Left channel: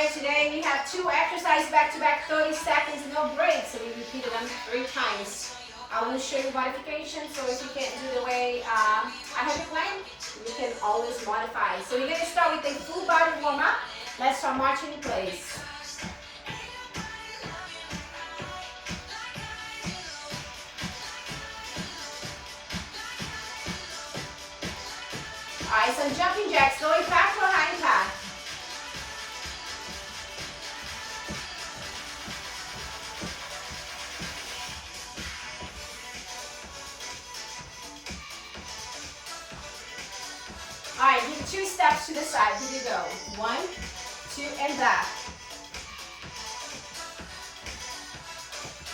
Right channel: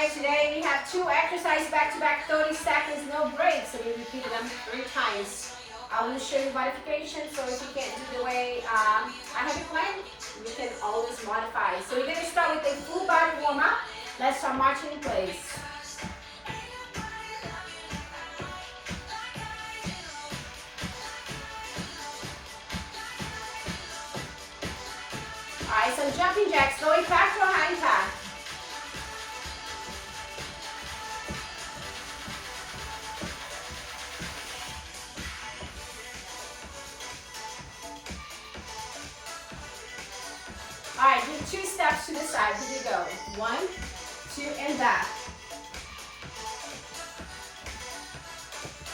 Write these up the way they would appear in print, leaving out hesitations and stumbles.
right, today we have 2 exercises back-to-back, 30 seconds, no break. So we repeated them 3 times. I want to show you modification, so if you can't do the way I have it planned, you can always modify. So we're going to start with a full body warm-up. Let's start marching in place. Alright, some jumping jacks, going back to a high impact. Alright, do 2 steps to the side. Here you go. 1, 2, and back.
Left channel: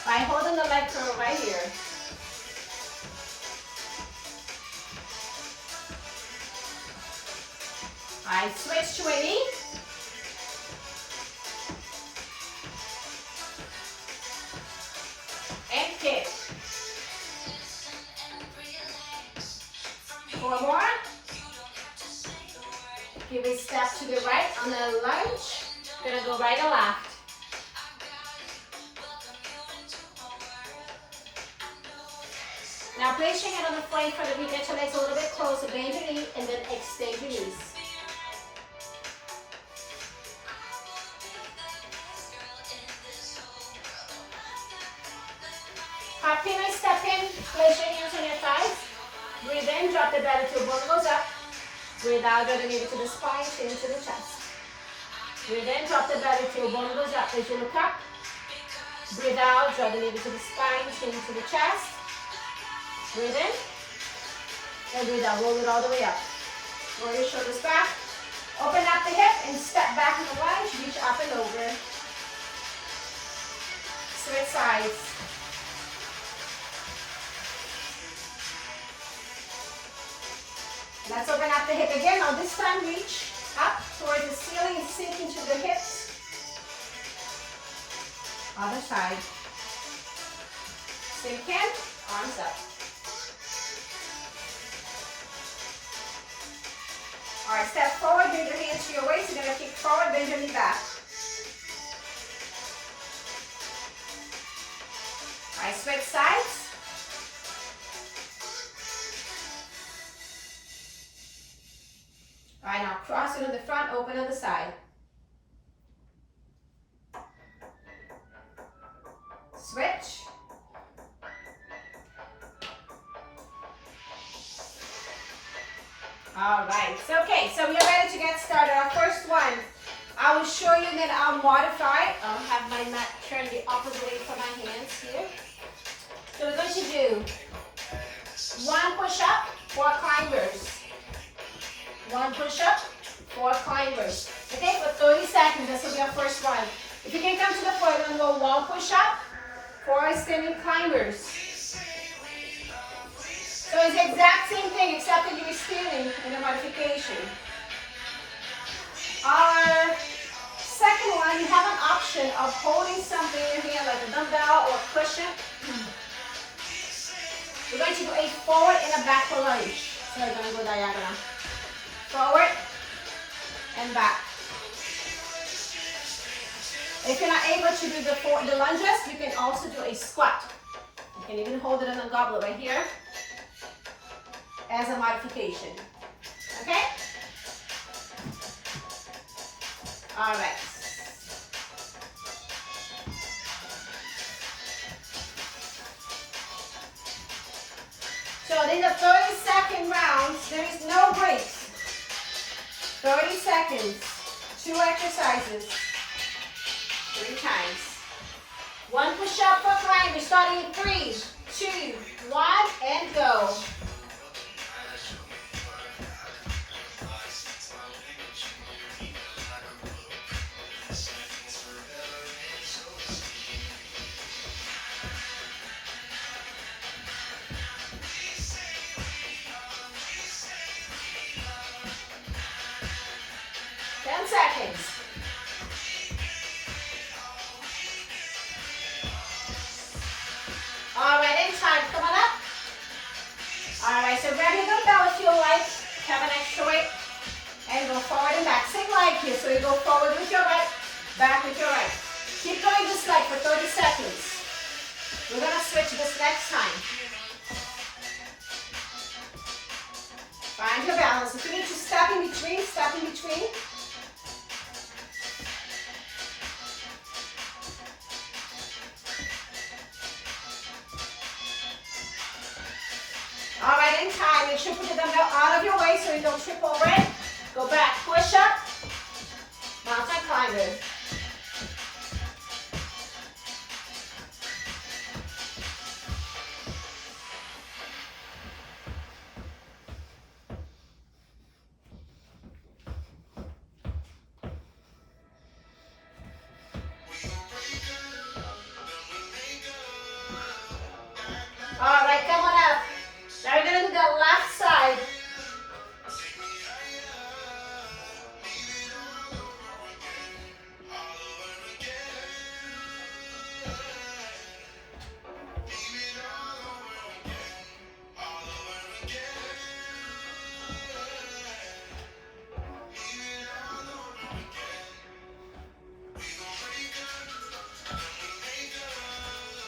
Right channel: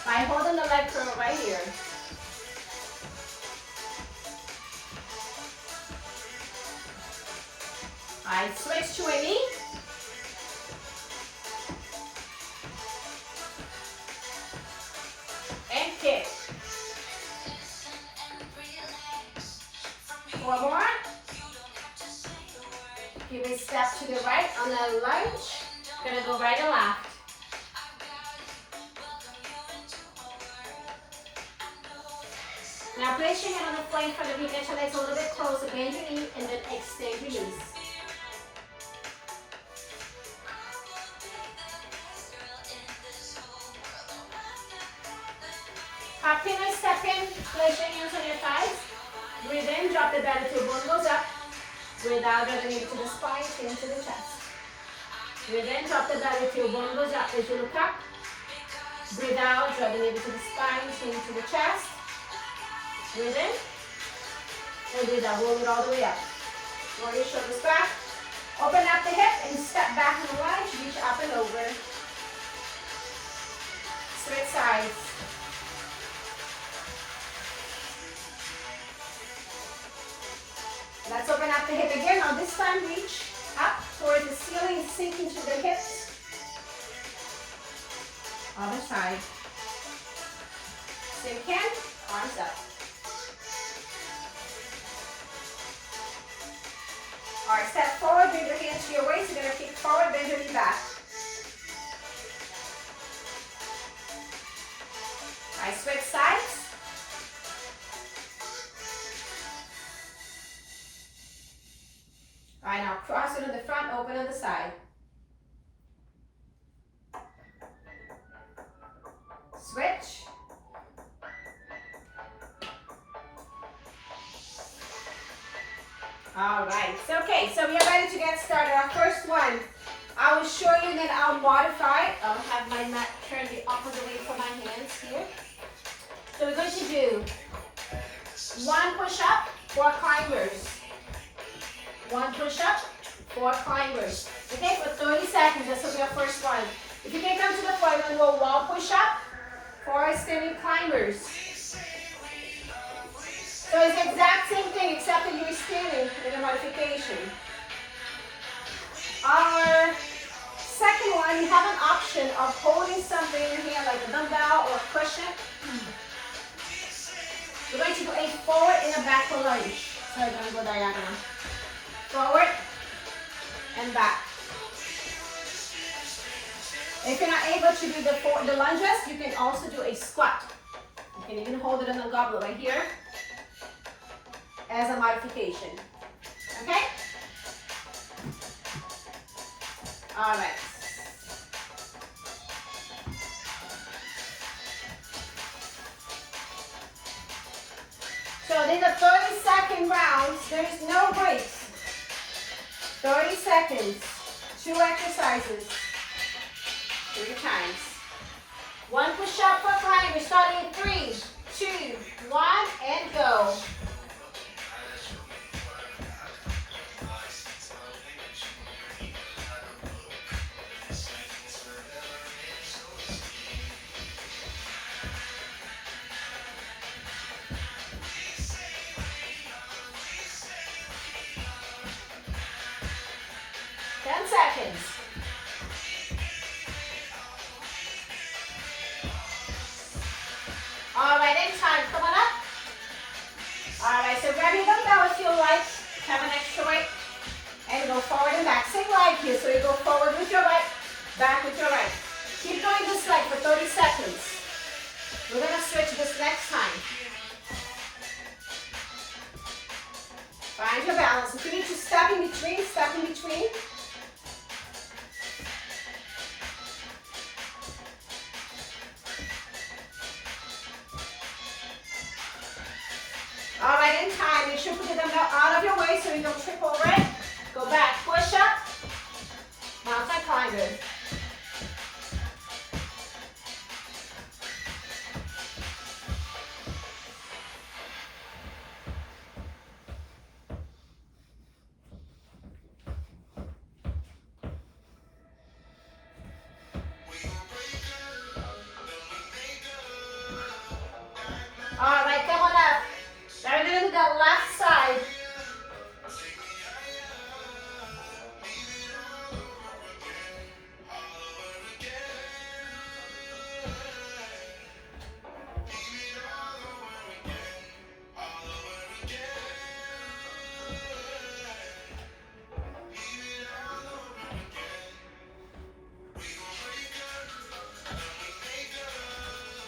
By holding the leg curl right here. Alright, switch to a knee. And kick. 4 more. Give a step to the right on the lunge. Gonna go right and left. Now place your hand on the floor in front of you. Get your legs a little bit closer. Bend your knee and then extend your knees. Hop in and step in. Place your hands on your thighs. Breathe in. Drop the belly till bone goes up. Breathe out. Draw the navel to the spine. Chin to the chest. Breathe in. Drop the belly till bone goes up. As you look up. Breathe out. Draw the navel to the spine. Chin to the chest. Breathe in. And breathe out. Roll it all the way up. Roll your shoulders back. Open up the hip and step back in the lunge. Reach up and over. Switch sides. Let's open up the hip again. Now this time reach up towards the ceiling and sink into the hips. Other side. Same can, arms up. Alright, step forward, bring your hands to your waist. You're going to kick forward, bend your knee back. Alright, switch sides. Alright, now cross it on the front, open on the side. Switch. Alright, so okay, so we are ready to get started. Our first one, I will show you and then I'll modify. I'll have my mat turn the opposite way from my hands here. So we're going to do 1 push-up, 4 climbers. 1 push-up, 4 climbers. Okay, for 30 seconds, this will be our first one. If you can come to the floor, you're going to go 1 push-up, 4 standing climbers. So it's the exact same thing except that you're standing with a modification. Our second one, you have an option of holding something in your hand like a dumbbell or a cushion. We're going to do a forward and a back lunge. So we're going to go diagonal. Forward and back. If you're not able to do the lunges, you can also do a squat. You can even hold it in a goblet right here as a modification. Okay? All right. So these are 30-second rounds. There is no breaks. 30 seconds, 2 exercises, 3 times. 1 push-up for climber, starting in 3, 2, 1, and go. Seconds. All right, in time. Come on up. All right, so grab your dumbbell if you like. Have an extra weight. And go forward and back. Same leg here. So you go forward with your right, Back with your right. Keep doing this leg for 30 seconds. We're going to switch this next time. Find your balance. If you need to step in between, step in between. All right, in time, make sure you put the dumbbell out of your way so you don't trip over it. Go back, push up, mountain climber. All right, come on up. Now we're going to do the left side.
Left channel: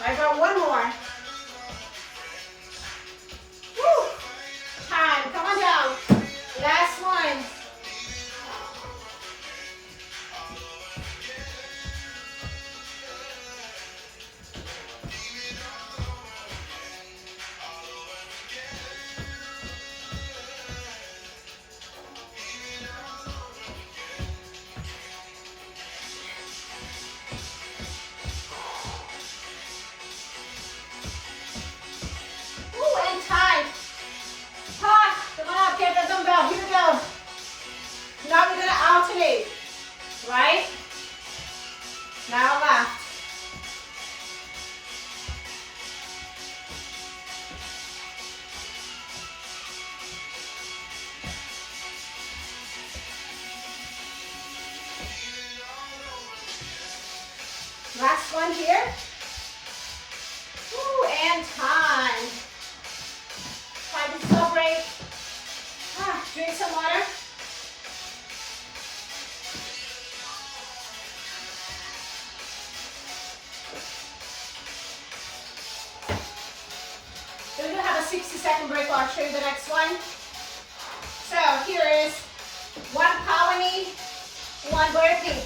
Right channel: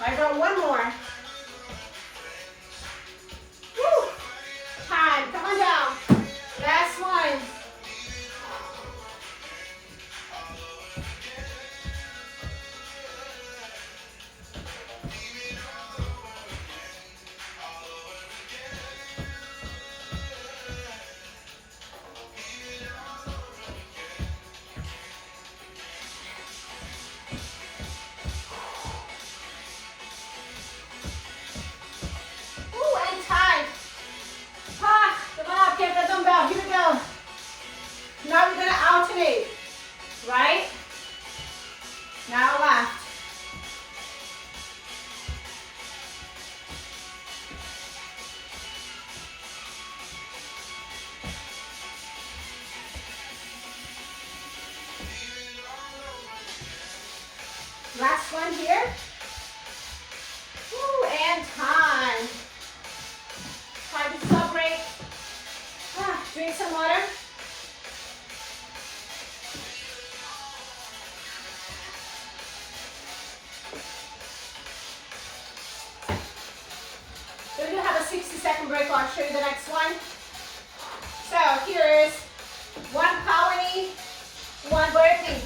I got one more. Woo. Time, come on down. Last one. Now we're going to alternate, right? Now left. Last one here. Woo, and time. Try to celebrate. Drink some water. We're going to have a 60-second break. I'll show you the next one. So here is one power knee, one burpee.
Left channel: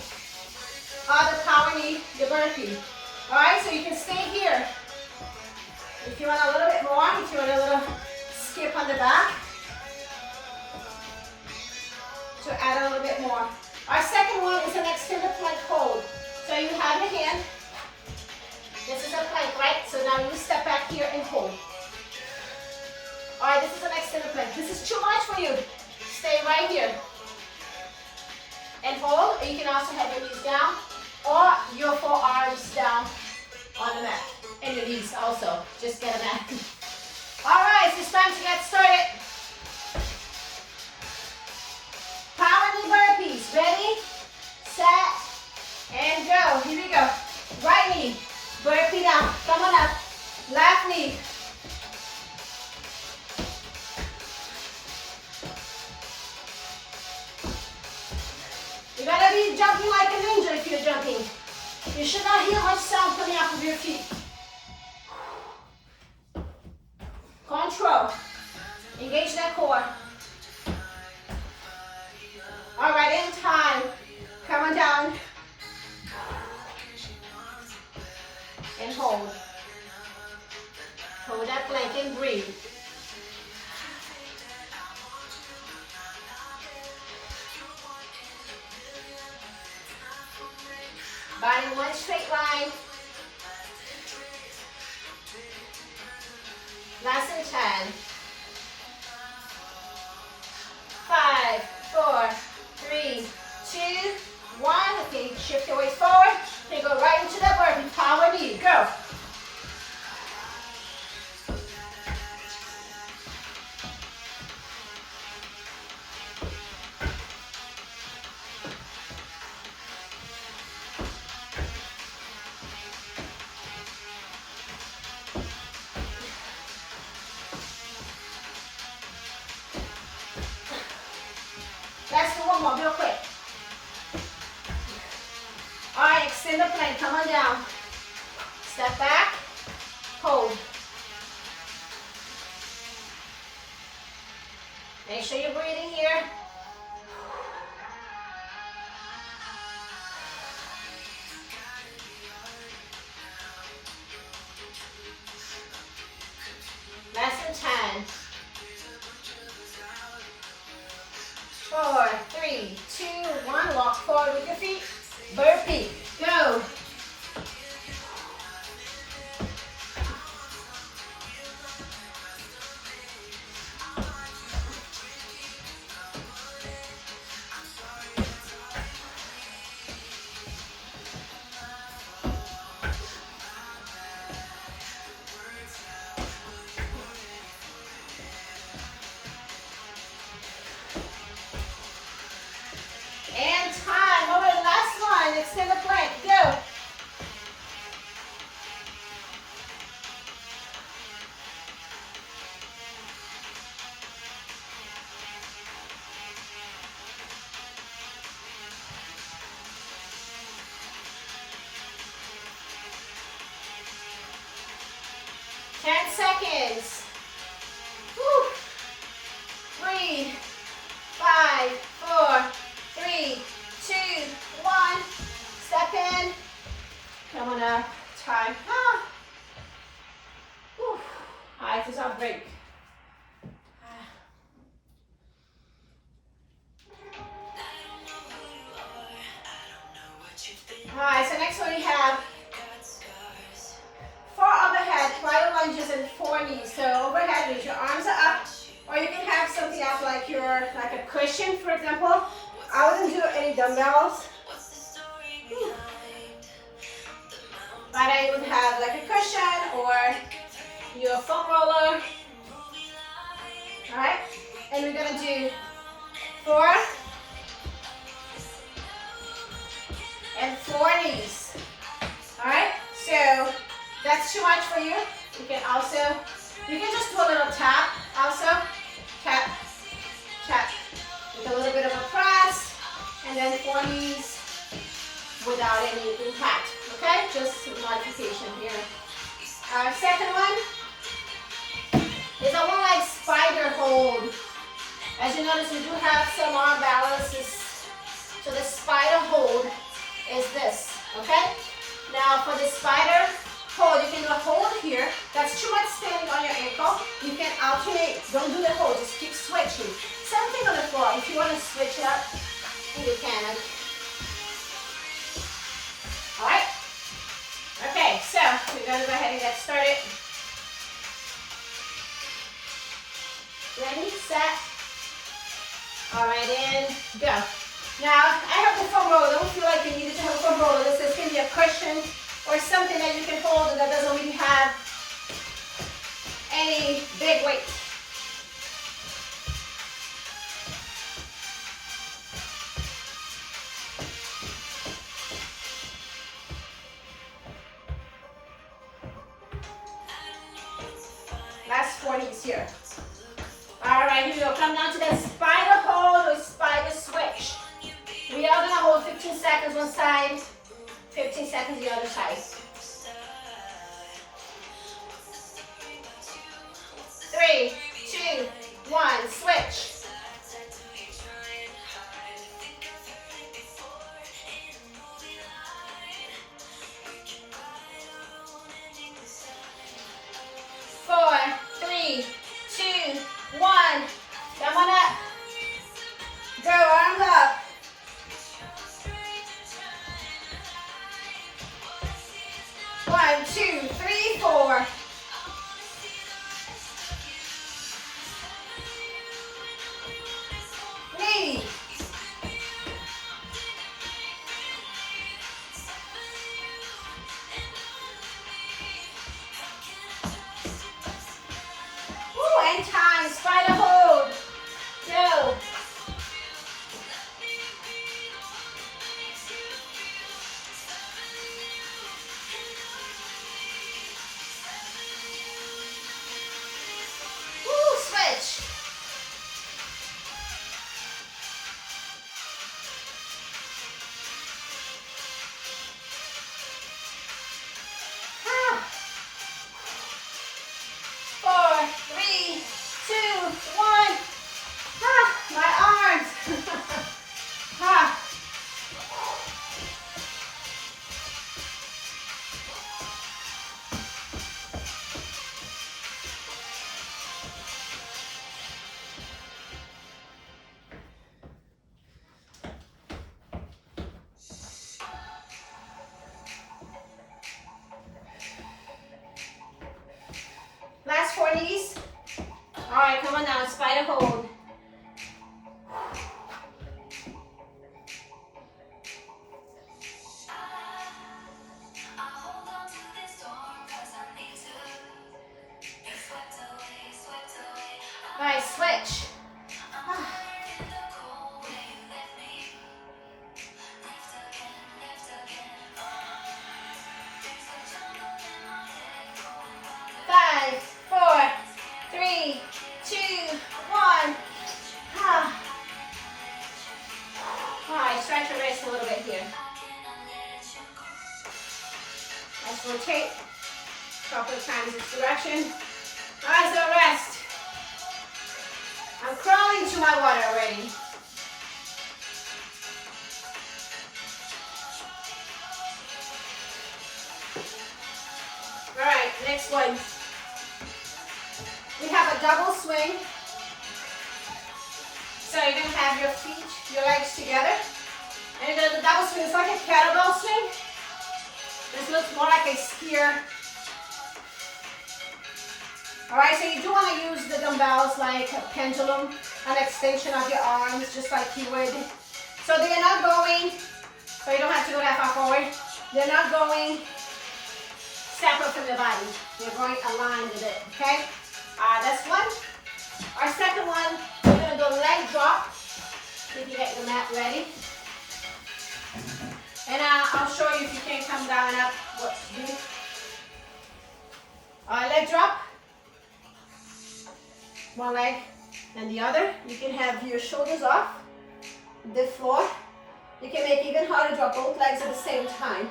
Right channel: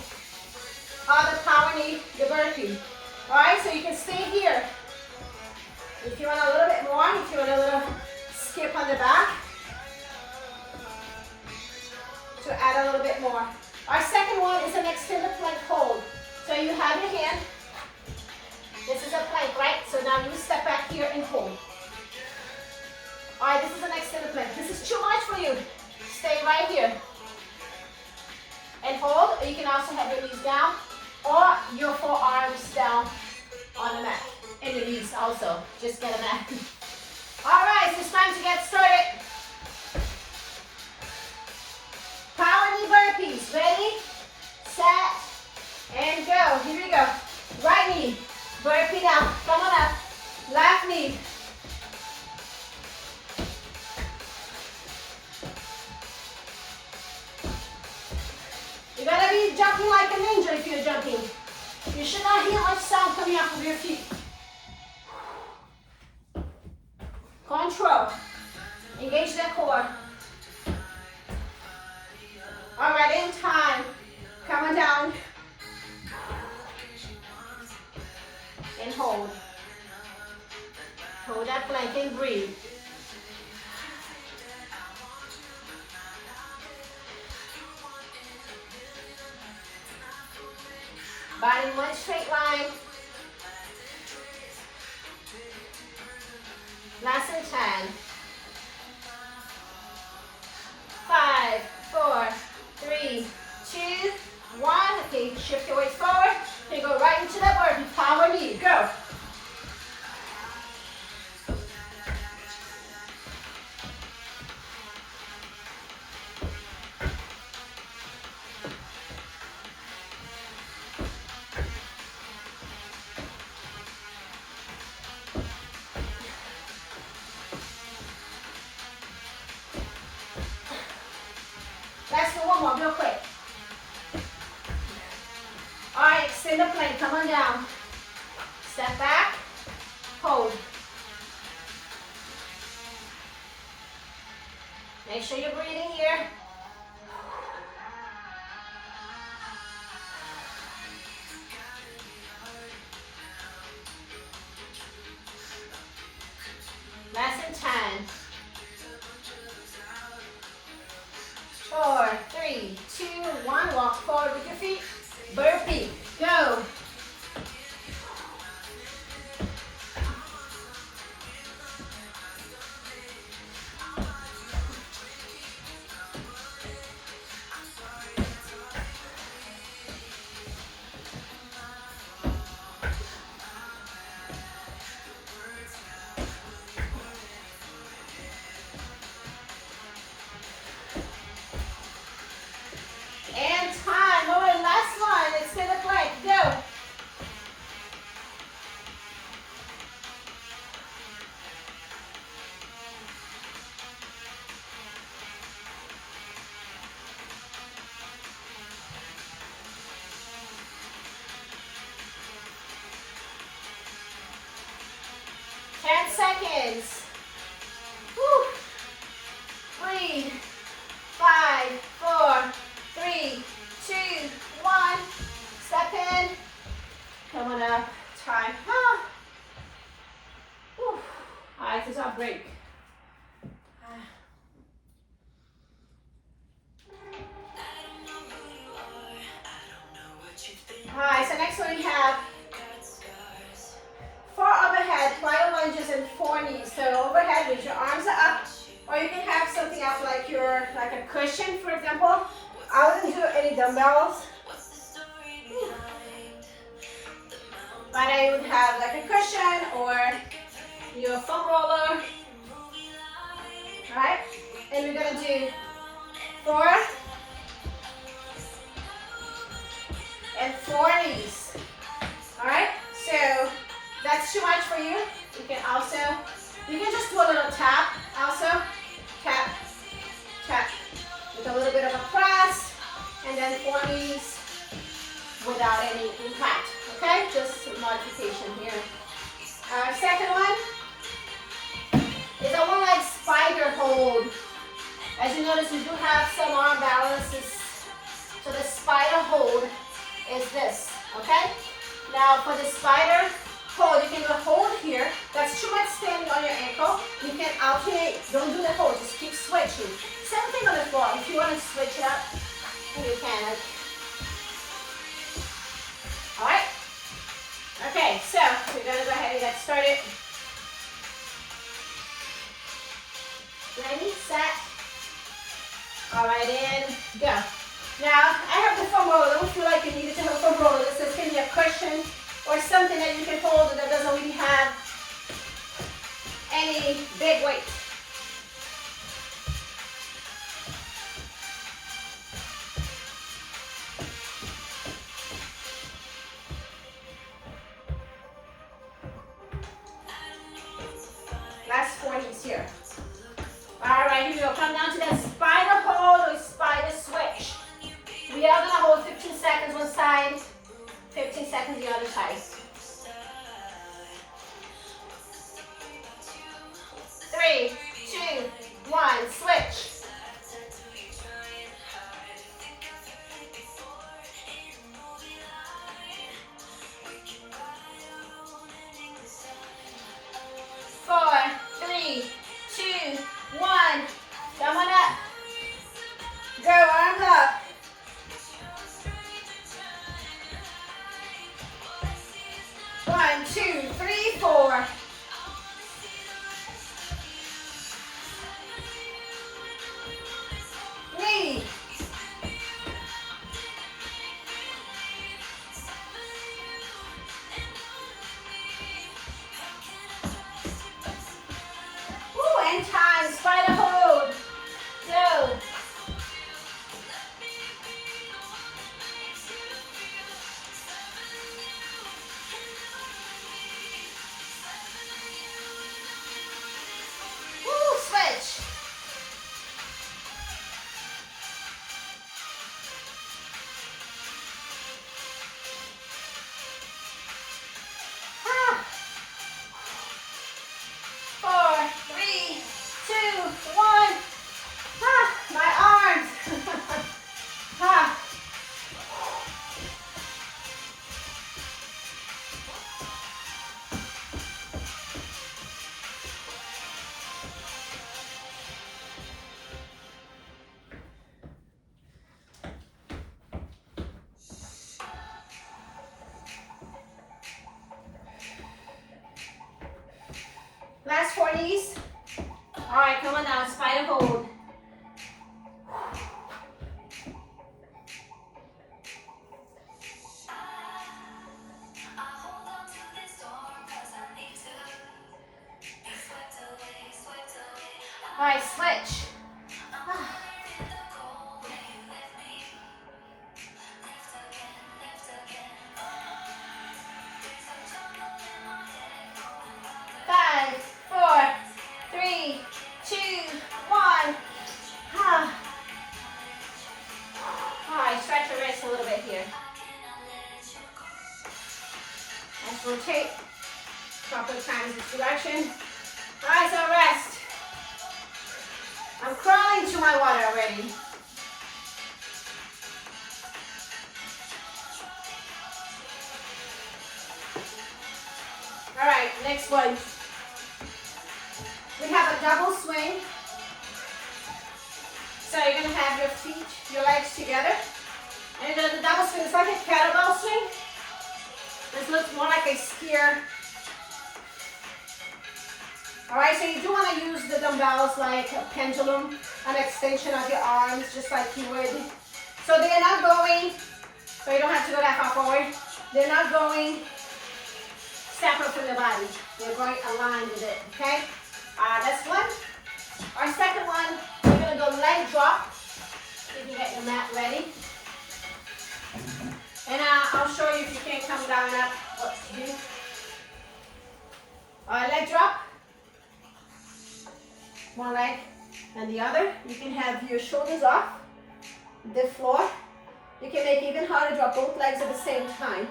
Other power knee, the burpee. All right, so you can stay here. If you want a little bit more, if you want a little skip on the back, to add a little bit more. Our second one is an extended plank hold. So you have your hand. This is a plank, right? So now you step back here and hold. All right, this is an extended plank. This is too much for you. Stay right here. And hold. Or you can also have your knees down or your forearms down on the mat. And your knees also. Just get a mat. All right, so it's time to get started. Power knee burpees. Ready, set, and go. Here we go. Right knee, burpee down. Come on up. Left knee. You gotta be jumping like a ninja if you're jumping. You should not hear much sound coming off of your feet. Control. Engage that core. All right, in time. Come on down. And hold. Hold that plank and breathe. Body in one straight line. Less than 10. 5, 4, 3, 2, 1. Okay, shift your waist forward. Okay, go right into that burpee. Power knee. Go. Let's do one more real quick. All extend the plank, come on down. Step back, hold. Make sure you're breathing here. Less than 10. 4, 3, 2, 1. Walk forward with your feet. Burpee. Go. And time. Oh, wait, last one. Extend the plank. Go. Seconds. Woo. Breathe. 5, 4, 3, 2, 1. Step in. Come on up. Time. Ah. Woo. All right, this is our break. All right, so next one we have 4 overhead, plyo lunges, and 4 knees. So overhead means your arms are up, or you can have something else like a cushion, for example. I wouldn't do any dumbbells, but I would have like a cushion or your foam roller. All right, and we're gonna do 4 and 4 knees. All right, so that's too much for you. You can just do a little tap also. Tap, tap, with a little bit of a press, and then 4 knees without any impact, okay? Just modification here. Second one is a one-leg spider hold. As you notice, we do have some arm balances. So the spider hold is this, okay? Now for the spider hold, you can do a hold here. That's too much standing on your ankle. You can alternate. Don't do the hold. Just keep switching. Same thing on the floor. If you want to switch it up, you can. All right. Okay. So we're gonna go ahead and get started. Ready, set. All right, and go. Now I have the foam roller. Don't feel like you needed to have a foam roller. This can be a cushion or something that you can hold that doesn't really have any big weight. Last 4 knees here. All right, here we go. Come down to that spider hold or spider switch. We are gonna hold 15 seconds one side, 15 seconds the other side. 3, 2, 1, switch. Four, 3, 2, 1. Come on up. Go, arms up. right, come on down, spider hold. All right, switch. 5, 4, 3, 2, 1. All right, stretch your wrist a little bit here. Let's rotate. Couple of times each direction. All right, so rest. I'm crawling to my water already. All right, next one. We have a double swing. So you're going to have your feet, your legs together. And you're going to do the double swing. It's like a kettlebell swing. This looks more like a skier. All right, so you do want to use the dumbbells like a pendulum, an extension of your arms, just like you would. So they're not going, so you don't have to go that far forward. They're not going separate from your body. They're going aligned with it, okay? That's one. Our second one, we're going to go leg drop. You can get your mat ready. And I'll show you if you can't come down and up what to do. Leg drop. One leg and the other. You can have your shoulders off the floor. You can make it even harder, drop both legs at the same time.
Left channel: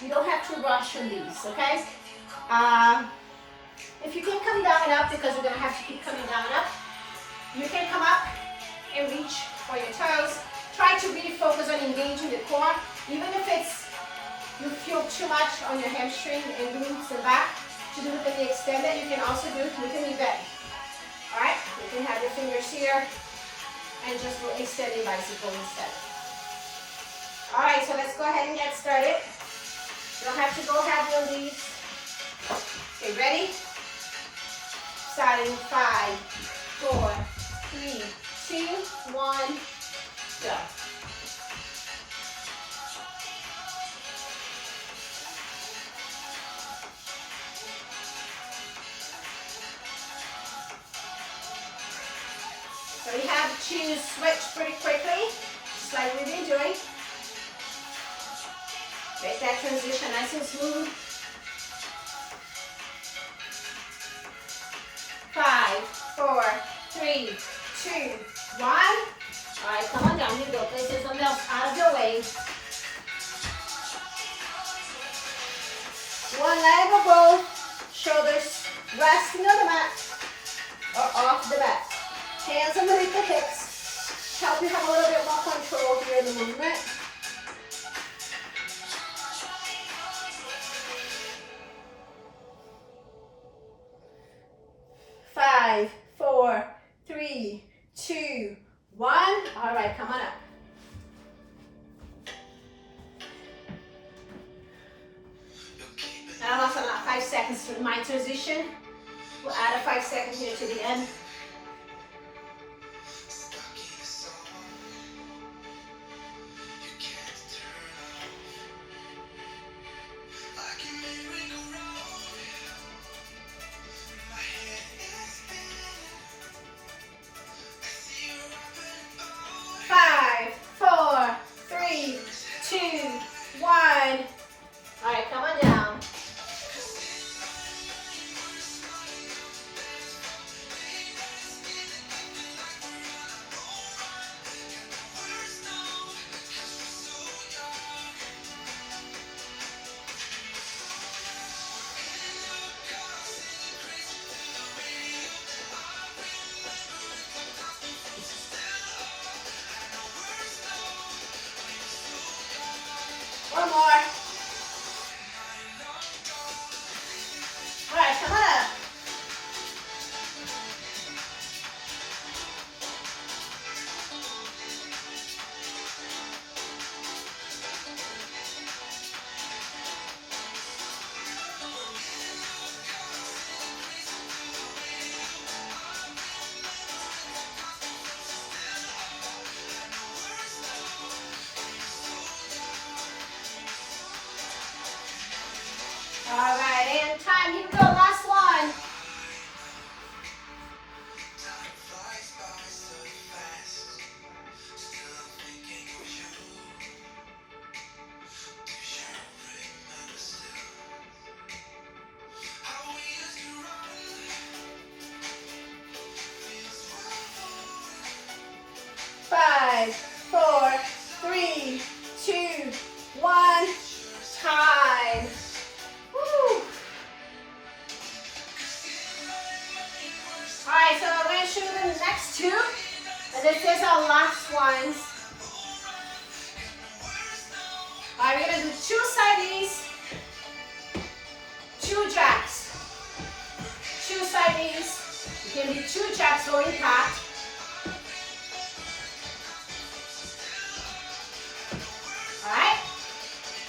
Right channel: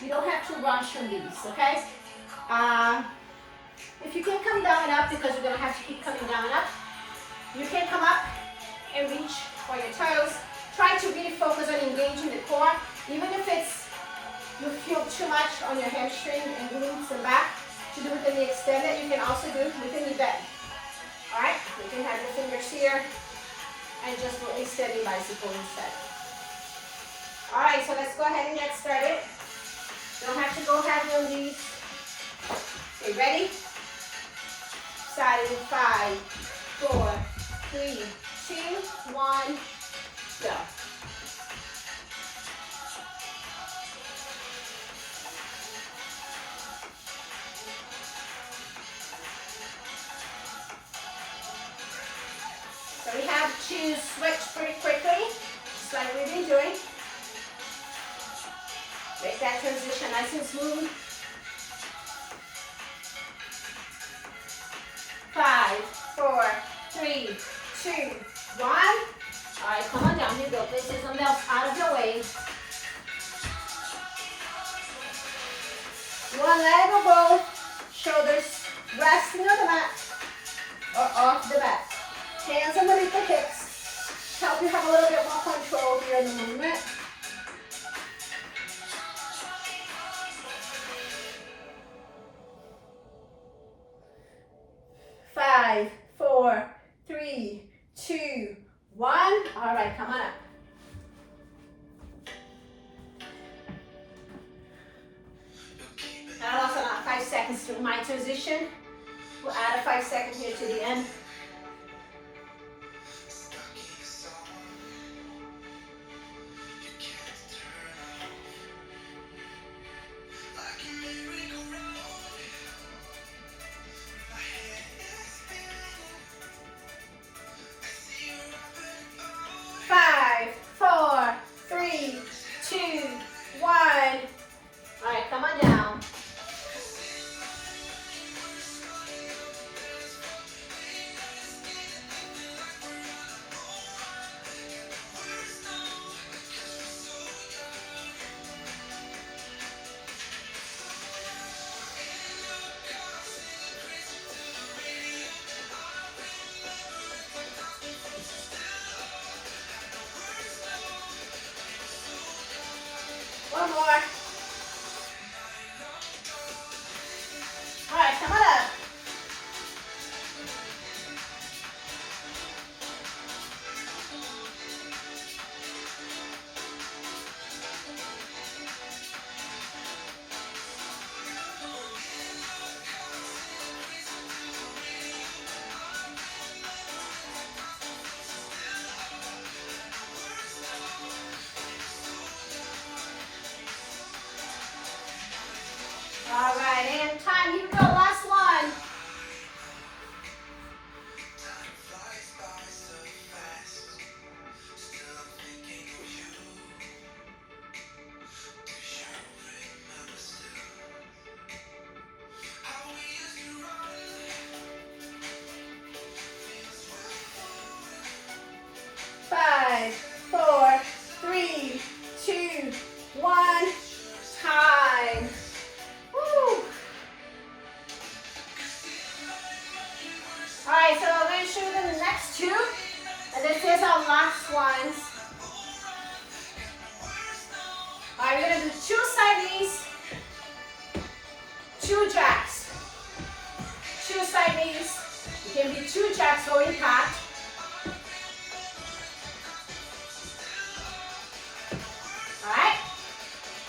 You don't have to rush on these, okay? If you can't come down and up, because you're gonna have to keep coming down and up, you can come up and reach for your toes. Try to really focus on engaging the core. Even if you feel too much on your hamstring and glutes and back, to do it to the extent that you can also do within the bed. All right, you can have your fingers here and just a steady bicycle instead. All right, so let's go ahead and get started. You don't have to go heavy on these. Okay, ready? Starting 5, 4, 3, 2, 1, go. So we have to switch pretty quickly, just like we've been doing. Make that transition nice and smooth. 5, 4, 3, 2, 1. All right, come on down. Here you go. Place your dumbbells out of your way. One leg above, shoulders resting on the mat or off the mat. Hands underneath the hips. Help you have a little bit more control here in the movement. Five, 4, 3, 2, 1. All right, come on up. Now also not 5 seconds to my transition. We'll add a 5 seconds here to the end. time. Here we go, last one. Five, four, three, two, one. Time. Woo. All right, so I'm going to show you the next two. And this is our last ones. All right, we're going to do 2 side knees, 2 jacks. 2 side knees. You can do 2 jacks or impact. All right,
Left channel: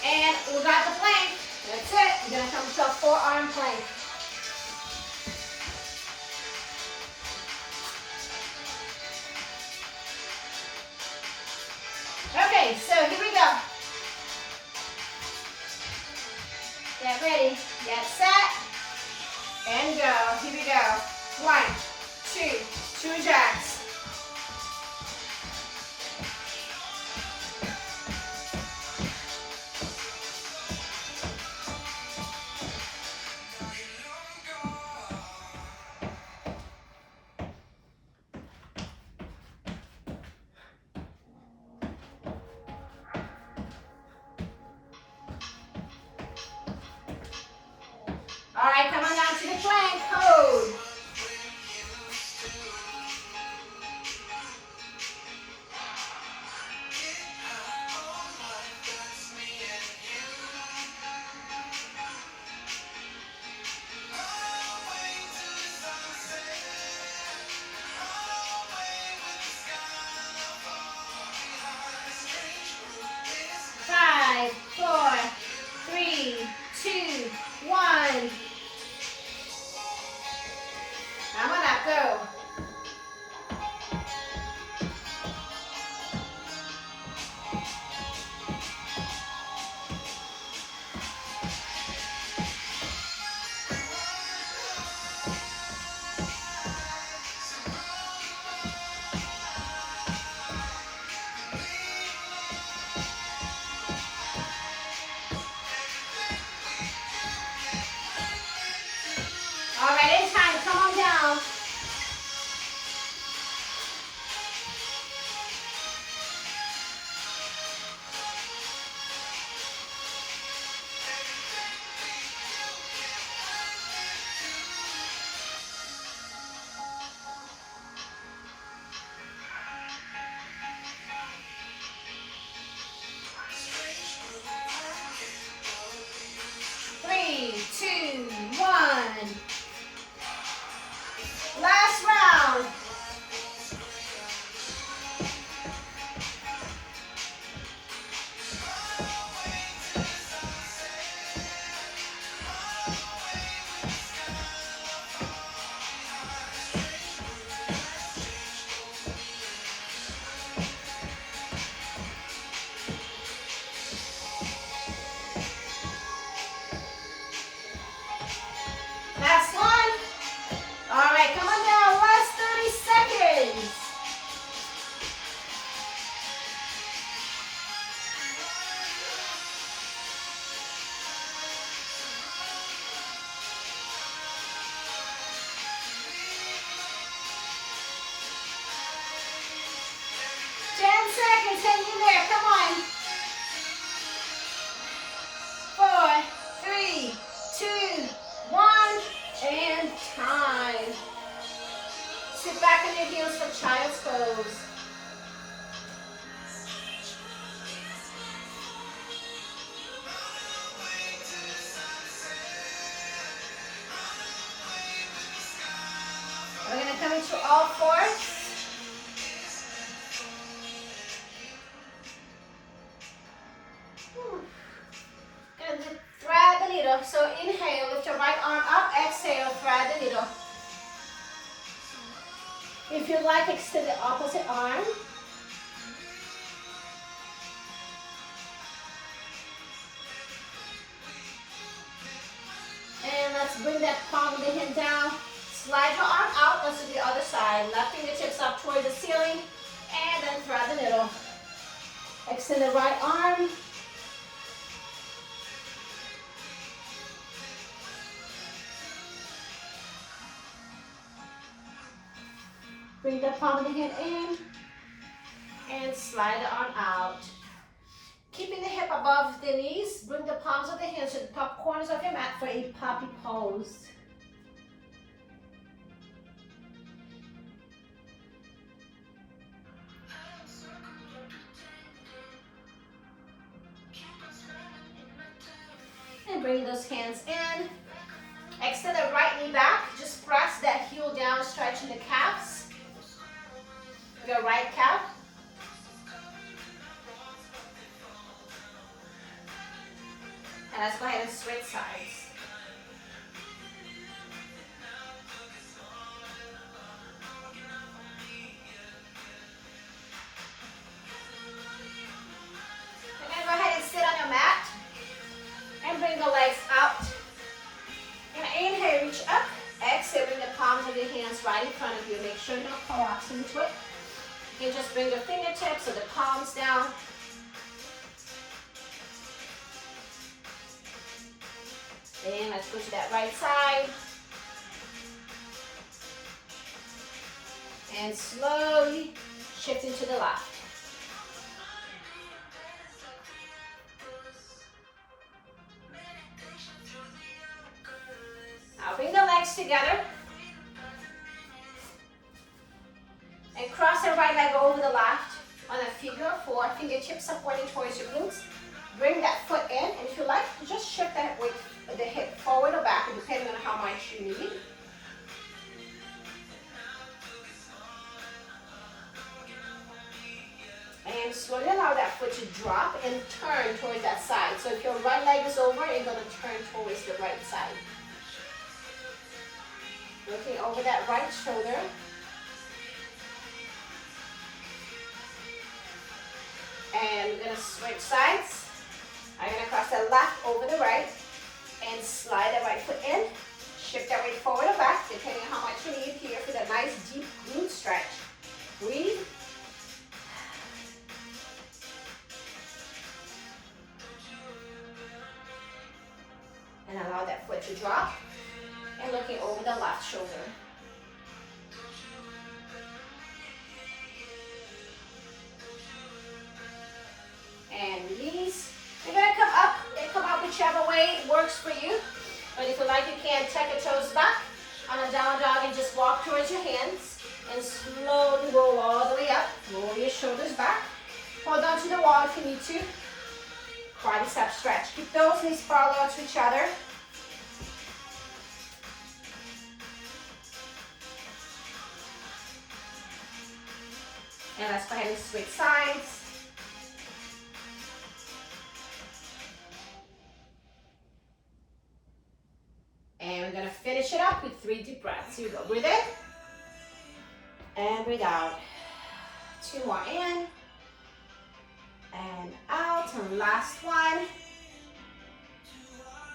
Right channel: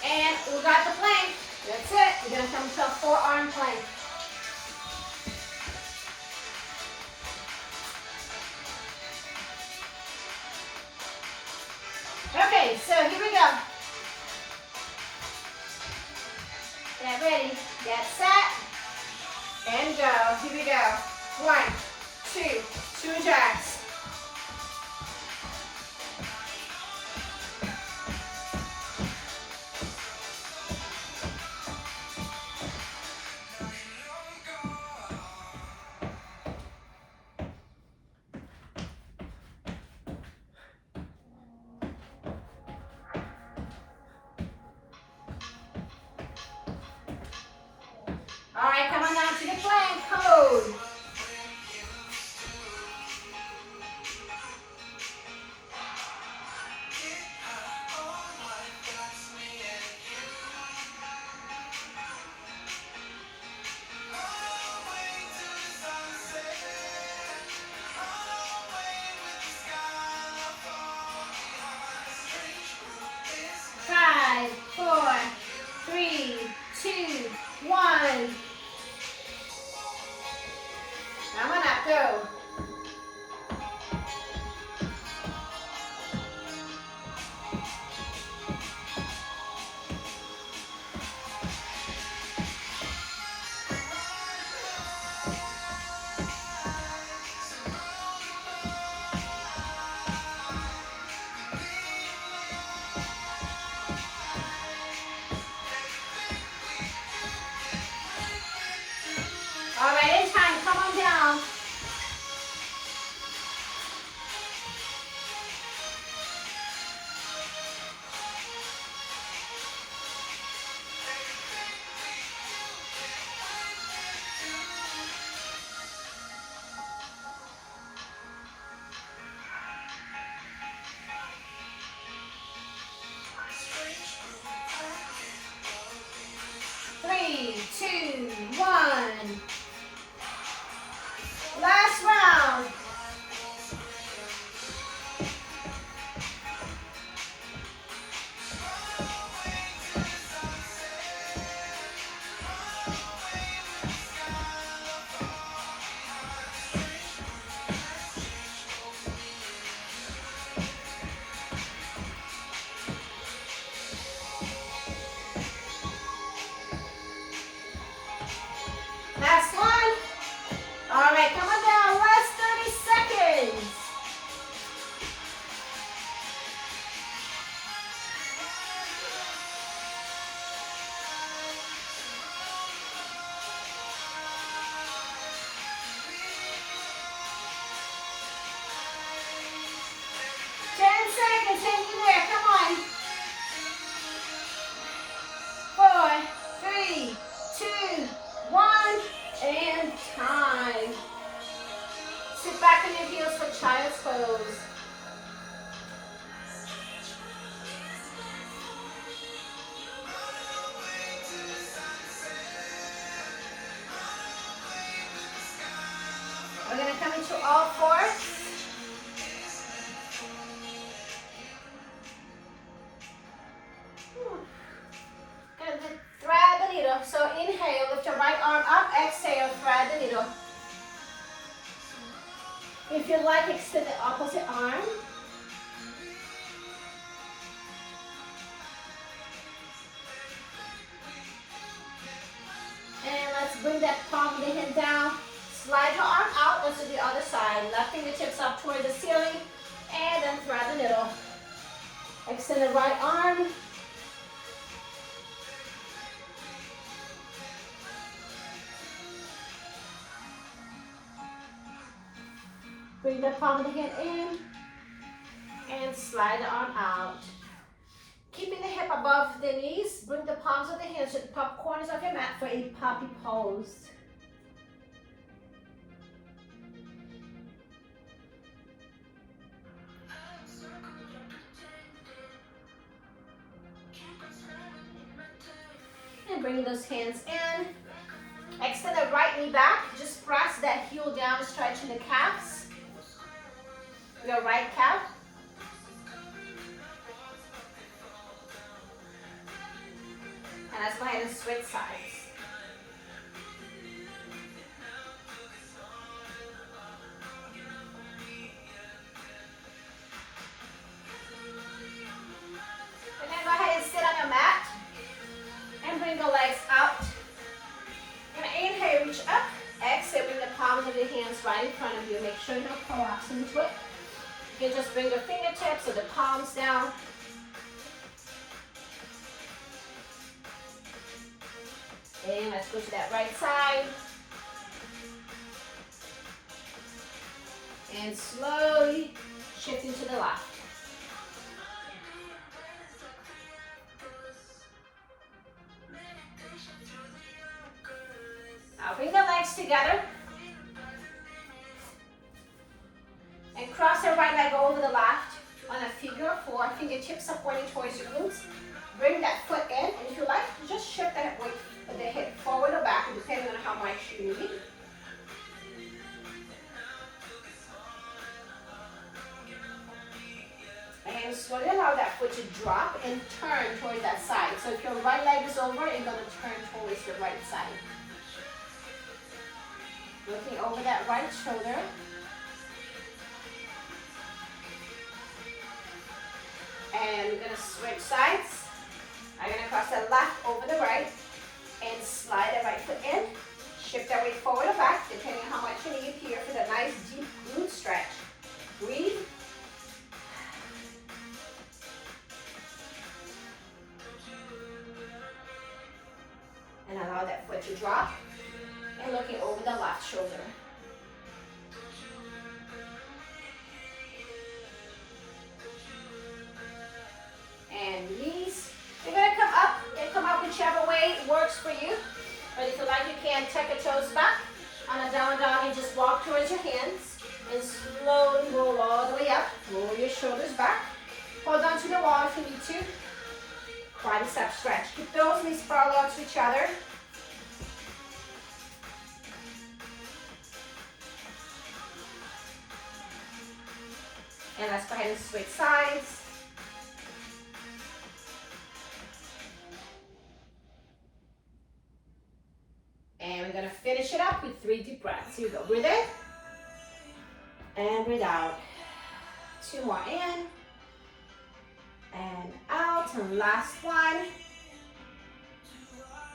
and we got the plank. That's it. We're going to come to a forearm plank. Okay, so here we go. Get ready, get set, and go. Here we go. 1, 2, 2 jacks. All right, come on down to the plank pose. Five, four, three, two, one. Come on up, go. All right, in time, come on down. Three, two, one. Last round. Last one. All right, come on down. Last 30 seconds. Seconds, hang in there, come on. 4, 3, 2, 1, and time. Sit back on your heels for child's pose. We're going to come into all fours. Thread the needle. So inhale, lift your right arm up. Exhale, thread the needle. If you like, extend the opposite arm. And let's just bring that palm of the hand down. Slide your arm out onto the other side. Left fingertips up toward the ceiling. And then thread the needle. Extend the right arm. Bring the palm of the hand in. And slide the arm out. Keeping the hip above the knees, bring the palms of the hands to the top corners of your mat for a poppy pose. And bring those hands in. Extend the right knee back. Just press that heel down, stretching the calves. Your right calf. And let's go ahead and switch sides. And then go ahead and sit on your mat. And bring the legs out. And inhale, reach up. Exhale, bring the palms of your hands right in front of you. Make sure you don't collapse into it. You can just bring your fingertips or the palms down. And let's go to that right side. And slowly shifting to the left. Now bring the legs together. And cross the right leg over the left on a figure of four. Fingertips supporting towards your glutes. Bring that foot in. And if you like, just shift that weight. The hip forward or back, depending on how much you need. And slowly allow that foot to drop and turn towards that side. So if your right leg is over, you're going to turn towards the right side. Looking over that right shoulder. And we're going to switch sides. I'm going to cross the left over the right. And slide that right foot in. Shift that weight forward or back, depending on how much you need here for that nice deep glute stretch. Breathe. And allow that foot to drop. And looking over the left shoulder. And release. You're going to come up and come up whichever way works for you. But if you like, you can tuck your toes back on a down dog and just walk towards your hands. And slowly roll all the way up. Roll your shoulders back. Hold on to the wall if you need to. Quadricep stretch. Keep those knees parallel to each other. And let's go ahead and switch sides. And we're going to finish it up with 3 deep breaths. Here we go. Breathe in. And breathe out. 2 more in. And out. And last one.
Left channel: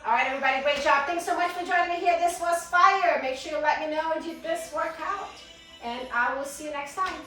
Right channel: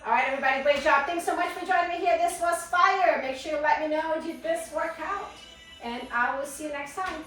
All right, everybody. Great job. Thanks so much for joining me here. This was fire. Make sure you let me know you did this workout. And I will see you next time.